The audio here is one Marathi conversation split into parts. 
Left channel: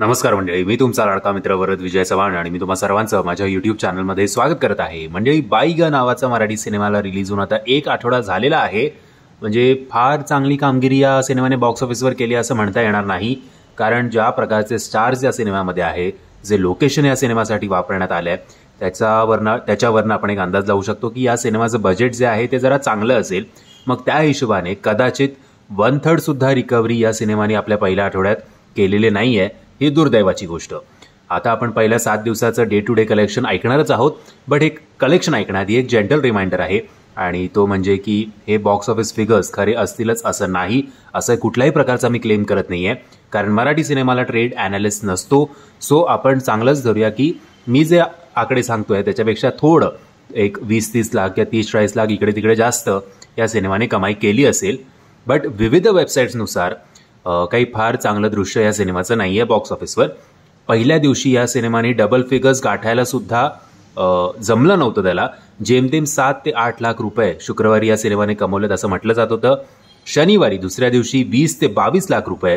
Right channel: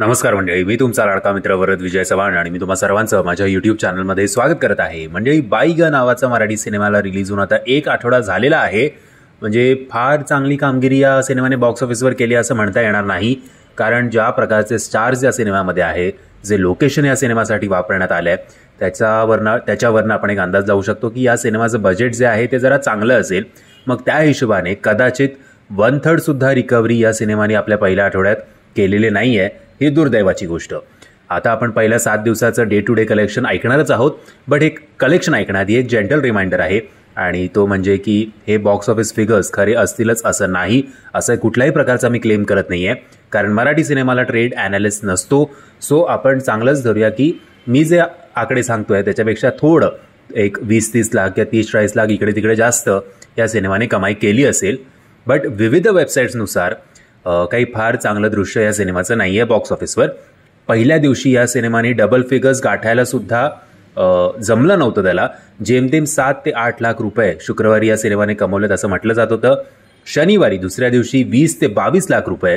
नमस्कार मंडळी, मी तुमचा लाडका मित्र वरद विजय चव्हाण आणि मी तुम्हा सर्वांचं माझ्या युट्यूब चॅनलमध्ये स्वागत करत आहे. मंडळी, बाईग नावाचा मराठी सिनेमाला रिलीज होऊन आता 1 आठवडा झालेला आहे. म्हणजे फार चांगली कामगिरी या सिनेमाने बॉक्स ऑफिसवर केली असं म्हणता येणार नाही, कारण ज्या प्रकारचे स्टार्स या सिनेमामध्ये आहे, जे लोकेशन या सिनेमासाठी वापरण्यात आले त्याच्यावरनं आपण एक अंदाज लावू शकतो की या सिनेमाचं बजेट जे आहे ते जरा चांगलं असेल. मग त्या हिशोबाने कदाचित 1/3 सुद्धा रिकव्हरी या सिनेमाने आपल्या पहिल्या आठवड्यात केलेले नाही आहे. ही दुर्दैवाची गोष्ट. आता आपण पहिल्या 7 दिवसाचं डे टू डे कलेक्शन ऐकणारच आहोत, बट एक कलेक्शन ऐकण्याआधी एक जेंटल रिमाइंडर आहे, आणि तो म्हणजे की हे बॉक्स ऑफिस फिगर्स खरे असतीलच असं नाही, असं कुठल्याही प्रकारचा मी क्लेम करत नाहीये, कारण मराठी सिनेमाला ट्रेड ॲनालिस्ट नसतो. सो आपण चांगलंच धरूया की मी जे आकडे सांगतोय त्याच्यापेक्षा थोडं एक 20-30 लाख किंवा 30-40 लाख इकडे तिकडे जास्त या सिनेमाने कमाई केली असेल. बट विविध वेबसाईट्सनुसार काही फार चांगलं दृश्य या सिनेमाचं नाही आहे बॉक्स ऑफिसवर. पहिल्या दिवशी या सिनेमाने डबल फिगर्स गाठायला सुद्धा जमलं नव्हतं त्याला. जेमतेम 7 ते 8 लाख रुपये शुक्रवारी या सिनेमाने कमवलेत असं म्हटलं जात होतं. शनिवारी दुसऱ्या दिवशी 20 ते 22 लाख रुपये,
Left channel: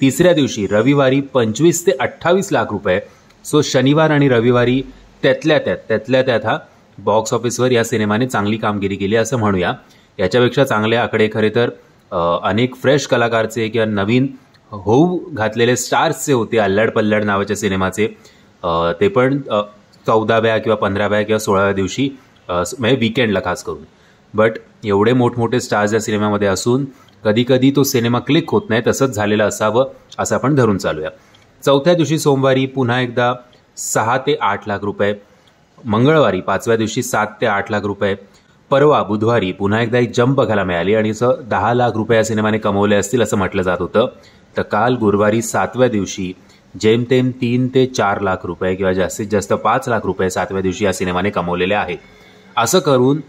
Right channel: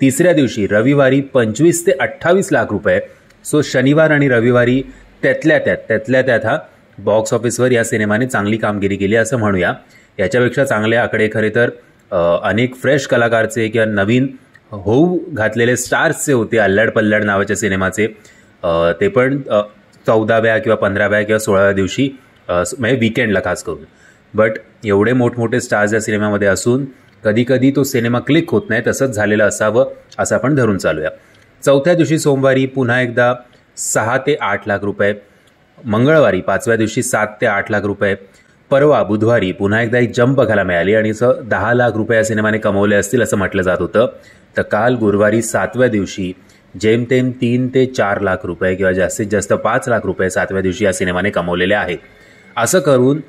तिसऱ्या दिवशी रविवारी 25 ते 28 लाख रुपये. सो शनिवार आणि रविवारी त्यातल्या त्यात हा बॉक्स ऑफिसवर या सिनेमाने चांगली कामगिरी केली असं म्हणूया. याच्यापेक्षा चांगले आकडे खरे तर अनेक फ्रेश कलाकारचे किंवा नवीन होऊ घातलेले स्टार्सचे होते. अल्लड पल्लड नावाच्या सिनेमाचे ते पण 14व्या किंवा 15व्या किंवा 16व्या दिवशी, म्हणजे विकेंडला खास करून. बट एवढे मोठमोठे स्टार्स या सिनेमामध्ये असून कधी कधी तो सिनेमा क्लिक होत नाही, तसंच झालेलं असावं असं आपण धरून चालूया. चौथ्या दिवशी सोमवारी पुन्हा एकदा 6 ते 8 लाख रुपये, मंगळवारी 5व्या दिवशी 7 ते 8 लाख रुपये, परवा बुधवारी पुन्हा एकदा एक जंप बघायला मिळाली आणि 10 लाख रुपये या सिनेमाने कमवले असतील असं म्हटलं जात होतं. तर काल गुरुवारी 7व्या दिवशी जेमतेम 3 ते 4 लाख रुपये किंवा जास्तीत जास्त 5 लाख रुपये 7व्या दिवशी या सिनेमाने कमवलेले आहेत. असं करून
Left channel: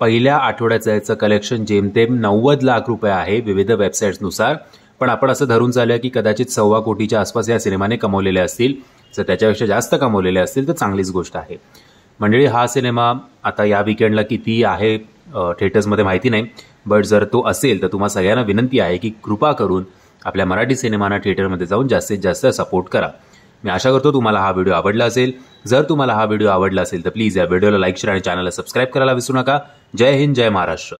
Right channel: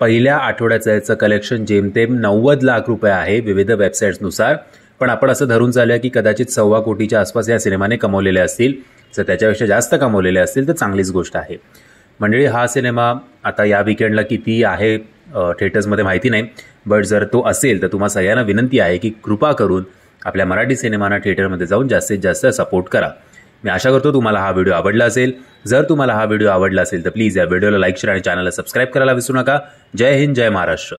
पहिल्या आठवड्याचं याचं कलेक्शन जेमतेम 90 लाख रुपये आहे विविध वेबसाईट्सनुसार. पण आपण असं धरून चालूया की कदाचित 1.25 कोटीच्या आसपास या सिनेमाने कमवलेले असतील. जर त्याच्यापेक्षा जास्त कमवलेले असतील तर चांगलीच गोष्ट आहे. मंडळी, हा सिनेमा आता या विकेंडला किती आहे थिएटर्समध्ये माहिती नाही, बट जर तो असेल तर तुम्हाला सगळ्यांना विनंती आहे की कृपा करून आपल्या मराठी सिनेमाना थिएटरमध्ये जाऊन जास्तीत जास्त सपोर्ट करा. मी आशा करतो तुम्हाला हा व्हिडिओ आवडला असेल. जर तुम्हाला हा व्हिडिओ आवडला असेल तर प्लीज या व्हिडिओला लाईक, शेअर आणि चॅनलला सबस्क्राईब करायला विसरू नका. जय हिंद, जय महाराष्ट्र.